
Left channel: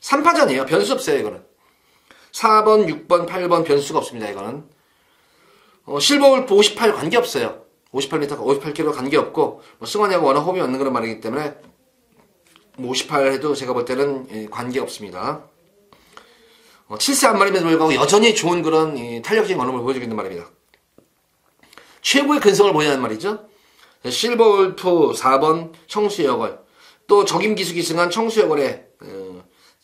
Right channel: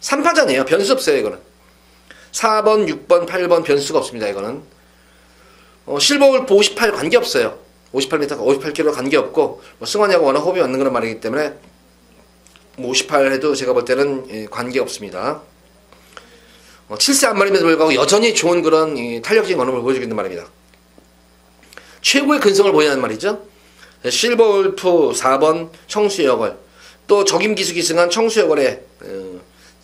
3파전이에요. 변수 없어요, 이거는. 4번, 6번, 8번 변수가 없습니다, 이거는. 실버울프 58 관계없어요. 58m, 58km 관계없고 승환이하고 워낙 호흡이 맞는 그런 말이기 때문에 58 해도 제가 볼 때는 관계없습니다. 7세 한 마리임에도 불구하고 여전히 좋은 그런 탄력적인 언어를 보여주고 있는 말입니다. 최고의 근성을 보이는 말이죠. 실버울프 4번 청수여걸, 또 적임기수 기승한 청수여걸의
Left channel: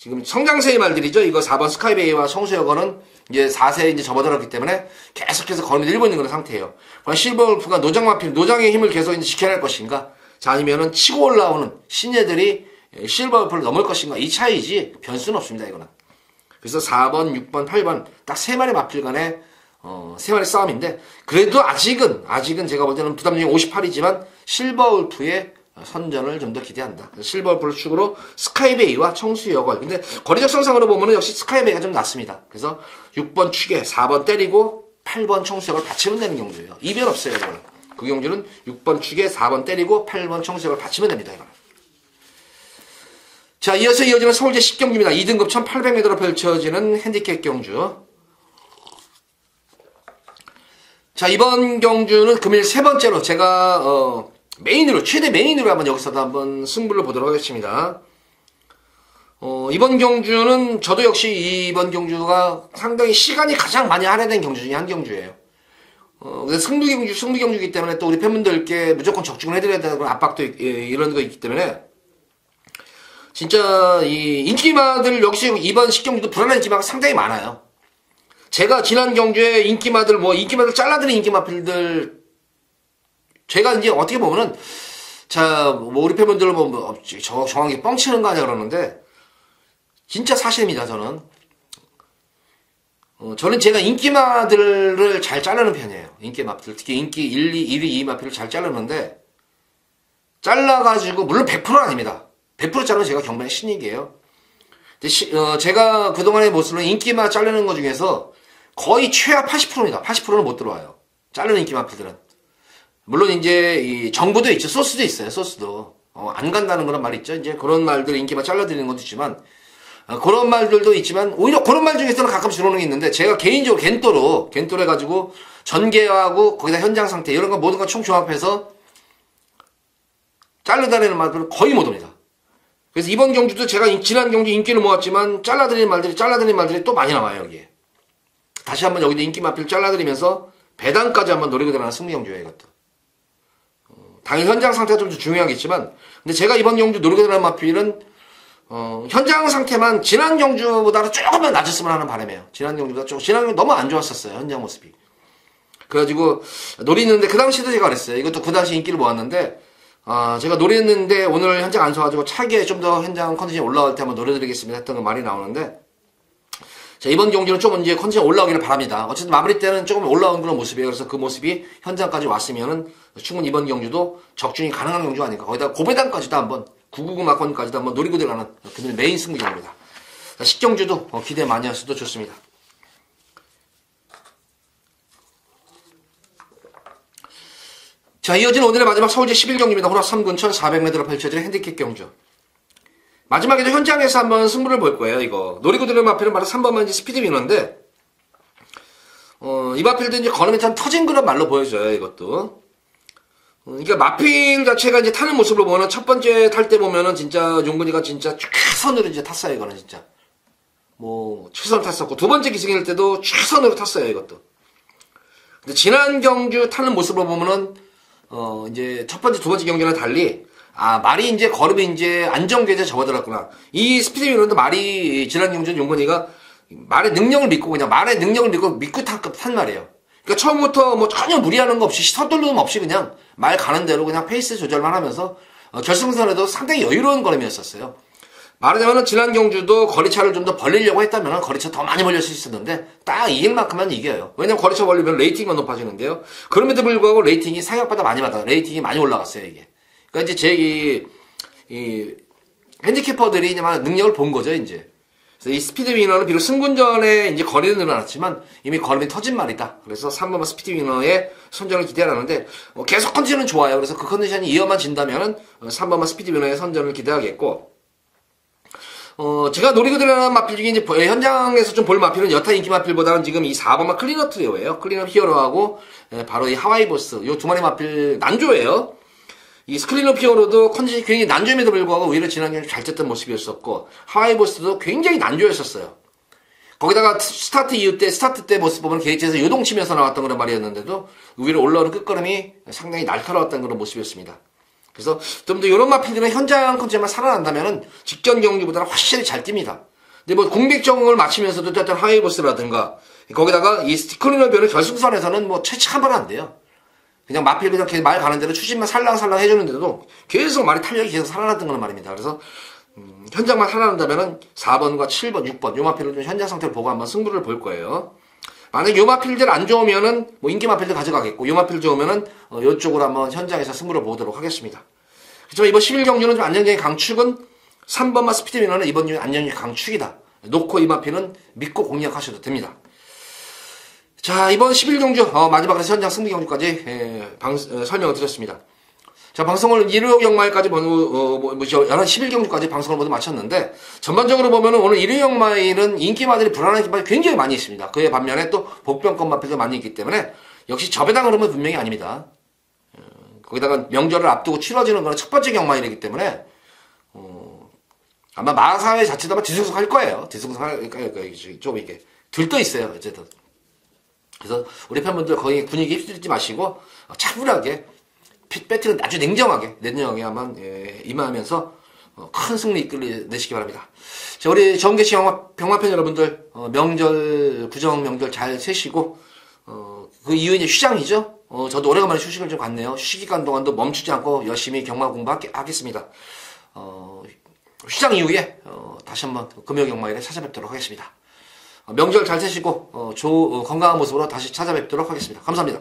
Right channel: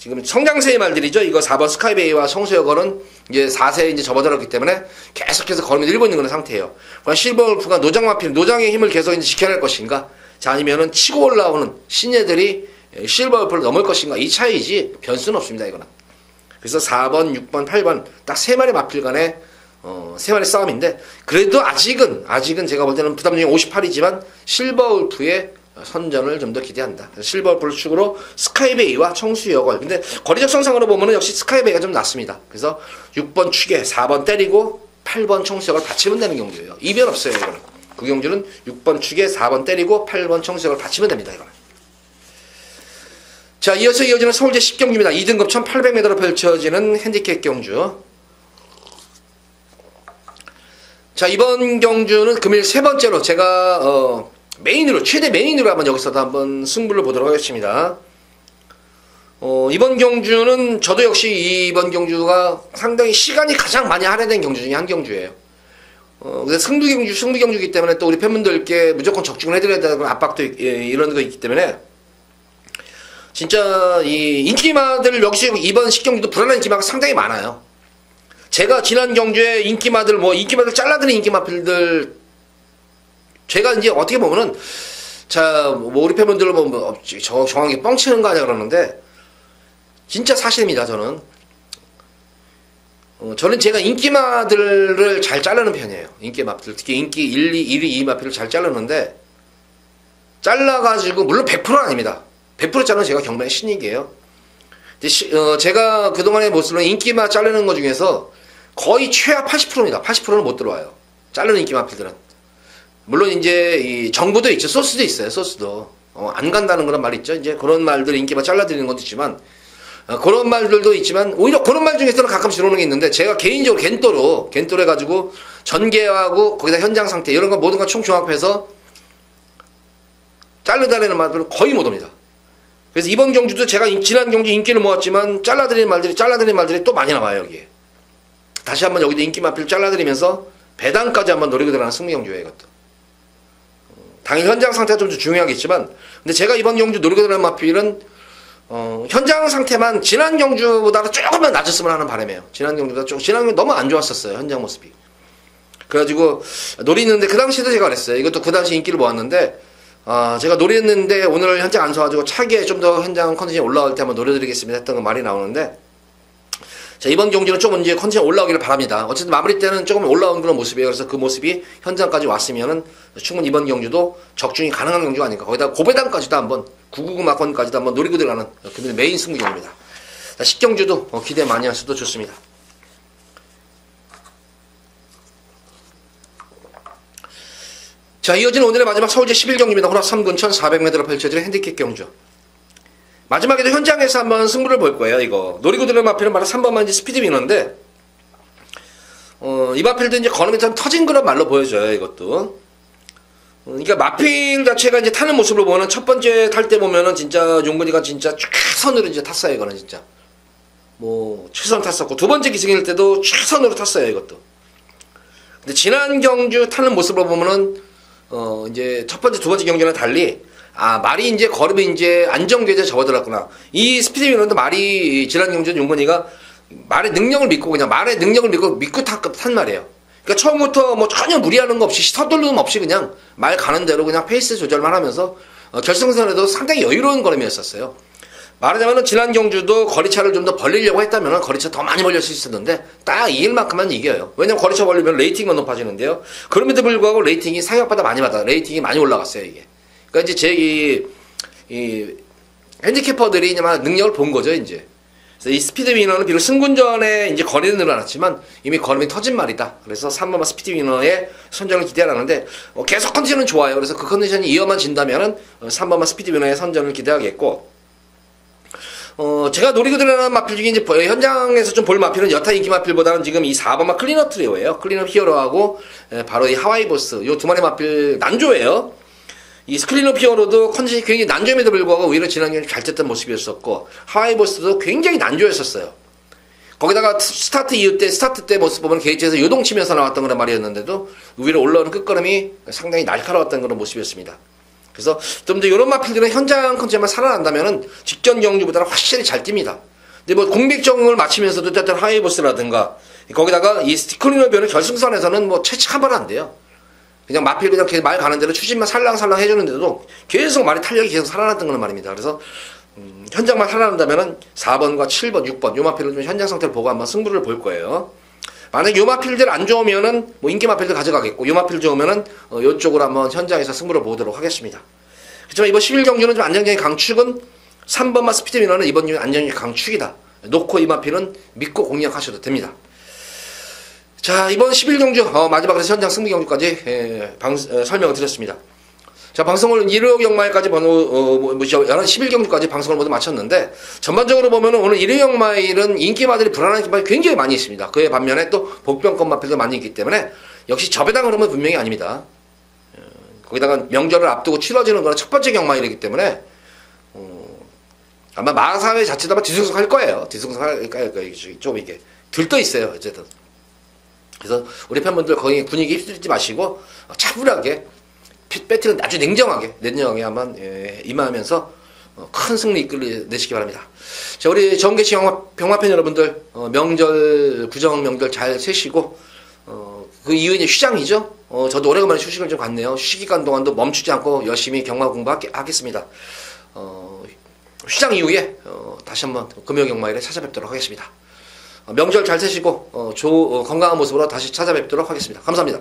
지금 성장세의 말들이죠. 이거 4번 스카이베이와 청수여걸은 이제 4세에 이제 접어들었기 때문에 계속해서 걸음이 늘고 있는 그런 상태예요. 실버울프가 노장마필, 노장의 힘을 계속 이제 지켜야 할 것인가, 자 아니면은 치고 올라오는 신예들이 실버울프를 넘을 것인가, 이 차이지 변수는 없습니다, 이거는. 그래서 4번, 6번, 8번 딱 3마리 마필 간의 3마리 싸움인데 그래도 아직은 제가 볼 때는 부담중이 58이지만 실버울프의 선전을 좀 더 기대한다. 실버울프를 축으로 스카이베이와 청수여걸. 근데 거리적 성상으로 보면은 역시 스카이베이가 좀 낫습니다. 그래서 6번 축에 4번 때리고 8번 청수여걸 받치면 되는 경주예요. 이변 없어요, 이거는. 그 경주는 6번 축에 4번 때리고 8번 청수여걸 받치면 됩니다, 이거는. 자, 이어서 이어지는 서울제 10경주입니다. 2등급 1800m로 펼쳐지는 핸디캡 경주. 자, 이번 경주는 금일 세 번째로 제가 메인으로, 최대 메인으로 한번 여기서도 한번 승부를 보도록 하겠습니다. 이번 경주는 저도 역시 이번 경주가 상당히 시간이 가장 많이 할애된 경주 중에 한 경주예요. 근데 승부경주이기 때문에 또 우리 팬분들께 무조건 적중을 해드려야 되는 압박도 이런 거 있기 때문에 진짜 이 인기마들 역시 이번 10경주도 불안한 인기마가 상당히 많아요. 제가 지난 경주에 인기마들 잘라드는 인기마필들 제가 이제 어떻게 보면은 우리 팬분들 정확히 뻥치는 거 아니야 그러는데 진짜 사실입니다. 저는 제가 인기마들을 잘 자르는 편이에요. 인기마필 특히 인기 1, 2 마필을 잘 자르는데 잘라가지고 물론 100%는 아닙니다. 100% 자르는 제가 경매의 신익이에요. 제가 그동안의 모습은 인기마 자르는 것 중에서 거의 최하 80%입니다. 80%는 못 들어와요. 자르는 인기마필들은. 물론 이제 이 정보도 있죠. 소스도 있어요. 소스도. 안 간다는 그런 말 있죠. 이제 그런 말들 인기마 잘라드리는 것도 있지만 그런 말들도 있지만 오히려 그런 말 중에서는 가끔씩 들어오는 게 있는데 제가 개인적으로 겐또로 해가지고 전개하고 거기다 현장 상태 이런 거 모든 거 총 종합해서 자르다리는 말들은 거의 못 옵니다. 그래서 이번 경주도 제가 지난 경주 인기를 모았지만 잘라드리는 말들이 또 많이 나와요, 여기에. 다시 한번 여기도 인기 마필 잘라드리면서 배당까지 한번 노리고 들어가는 승리 경주예요, 이것도. 당일 현장 상태가 좀 중요하겠지만, 근데 제가 이번 경주 노리고 들어가는 마필은, 현장 상태만 지난 경주보다 조금만 낮았으면 하는 바람이에요. 지난 경주 너무 안 좋았었어요. 현장 모습이. 그래가지고 노리는데 그 당시에도 제가 그랬어요. 이것도 그 당시 인기를 모았는데 제가 노렸는데 오늘 현장 안 서가지고 차기에 좀 더 현장 컨디션이 올라올 때 한번 노려드리겠습니다 했던 거 말이 나오는데, 자, 이번 경기는 조금 이제 컨디션 올라오기를 바랍니다. 어쨌든 마무리 때는 조금 올라온 그런 모습이에요. 그래서 그 모습이 현장까지 왔으면은 충분히 이번 경주도 적중이 가능한 경주가 아닐까. 거기다 고배당까지도 한번 999 마건까지도 한번 노리고 들어가는 그들의 메인 승부경입니다. 10경주도 기대 많이 하셔도 좋습니다. 자, 이어지는 오늘의 마지막 서울제 11경기입니다. 호락 3군 1400m로 펼쳐질 핸디캡 경주. 마지막에도 현장에서 한번 승부를 볼 거예요, 이거. 노리고 들은 마필은 바로 3번만 이제 스피드 위너인데, 이 마필도 이제 걸음이 좀 터진 그런 말로 보여져요, 이것도. 그러니까 마필 자체가 이제 타는 모습을 보면 첫 번째 탈 때 보면은 진짜 용근이가 진짜 최선으로 이제 탔어요, 이거는 진짜. 최선 탔었고, 두 번째 기승일 때도 최선으로 탔어요, 이것도. 근데 지난 경주 타는 모습을 보면은, 이제 첫 번째, 두 번째 경기랑 달리, 말이 이제 걸음이 이제 안정되자 접어들었구나. 이 스피드 위너도 말이 지난 경주 용근이가 말의 능력을 믿고 믿고 탄 말이에요. 그러니까 처음부터 전혀 무리하는 거 없이 서두르는 없이 그냥 말 가는 대로 그냥 페이스 조절만 하면서 결승선에도 상당히 여유로운 걸음이었었어요. 말하자면 지난 경주도 거리차를 좀 더 벌리려고 했다면 거리차 더 많이 벌릴 수 있었는데 딱 이길 만큼만 이겨요. 왜냐면 거리차 벌리면 레이팅만 높아지는데요. 그럼에도 불구하고 레이팅이 생각보다 레이팅이 많이 올라갔어요, 이게. 그러니까 이제 이 핸디캐퍼들이 이제 막 능력을 본 거죠, 이제. 그래서 이 스피드 위너는 비록 승군전에 이제 거리는 늘어났지만 이미 걸음이 터진 말이다. 그래서 3번만 스피드 위너의 선전을 기대하는데 계속 컨디션은 좋아요. 그래서 그 컨디션이 이어만 진다면은 3번만 스피드 위너의 선전을 기대하겠고, 제가 노리고 들어가는 마필 중에 이제 현장에서 좀 볼 마필은 여타 인기 마필보다는 지금 이 4번마 클린업 트리오예요. 클린업 히어로하고 바로 이 하와이 보스, 요 두 마리 마필 난조예요. 이 클린업 히어로도 컨디션이 굉장히 난조임에도 불구하고 오히려 지난 경기 잘 쳤던 모습이었었고, 하와이 보스도 굉장히 난조였었어요. 거기다가 스타트 때 모습 보면 게이트에서 요동치면서 나왔던 그런 말이었는데도 위로 올라오는 끝걸음이 상당히 날카로웠던 그런 모습이었습니다. 그래서 좀 더 이런 마필들은 현장 컨디션만 살아난다면은 직전 경주보다는 확실히 잘 뜁니다. 근데 공백정을 마치면서도 어떤 하이보스라든가 거기다가 이 클린업이는 결승선에서는 채찍 한 번 안 돼요. 그냥 마필 그냥 말 가는 대로 추진만 살랑살랑 해주는데도 계속 말이 탄력이 계속 살아났던 거는 말입니다. 그래서 현장만 살아난다면은 4번과 7번, 6번 요 마필을 좀 현장 상태를 보고 한번 승부를 볼 거예요. 만약에 요 마필들 안 좋으면은 인기 마필들 가져가겠고, 요 마필 좋으면은 요쪽으로 한번 현장에서 승부를 보도록 하겠습니다. 그렇지만 이번 11경주는 좀 안정적인 강축은 3번만 스피드 위너는 이번 경기 안정적인 강축이다. 놓고 이 마필은 믿고 공략하셔도 됩니다. 자, 이번 11경주 마지막으로 현장 승리 경주까지 설명을 드렸습니다. 자, 방송을 일요 경마일까지 11경주까지 방송을 모두 마쳤는데, 전반적으로 보면 오늘 일요 경마일은 인기마들이 불안한 기마들이 굉장히 많이 있습니다. 그에 반면에 또 복병권 마필도 많이 있기 때문에 역시 저배당 흐름은 분명히 아닙니다. 거기다가 명절을 앞두고 치러지는 거는 첫 번째 경마일이기 때문에 아마 마사회 자체도 아마 뒤숭숭할 거예요. 뒤숭숭할 거예요. 좀 이게 들떠 있어요, 어쨌든. 그래서 우리 팬분들 거기 분위기 휩쓸지 마시고 차분하게 배틀은 아주 냉정하게 한번 임하면서 큰 승리 이끌어내시기 바랍니다. 자, 우리 정계시 병마팬 여러분들 명절 구정 명절 잘 세시고 그 이후 이제 휴장이죠. 저도 오래간만에 휴식을 좀 갔네요. 휴식 기간 동안도 멈추지 않고 열심히 경마 공부하겠습니다. 휴장 이후에 다시 한번 금요 경마일에 찾아뵙도록 하겠습니다. 명절 잘 세시고 건강한 모습으로 다시 찾아뵙도록 하겠습니다. 감사합니다.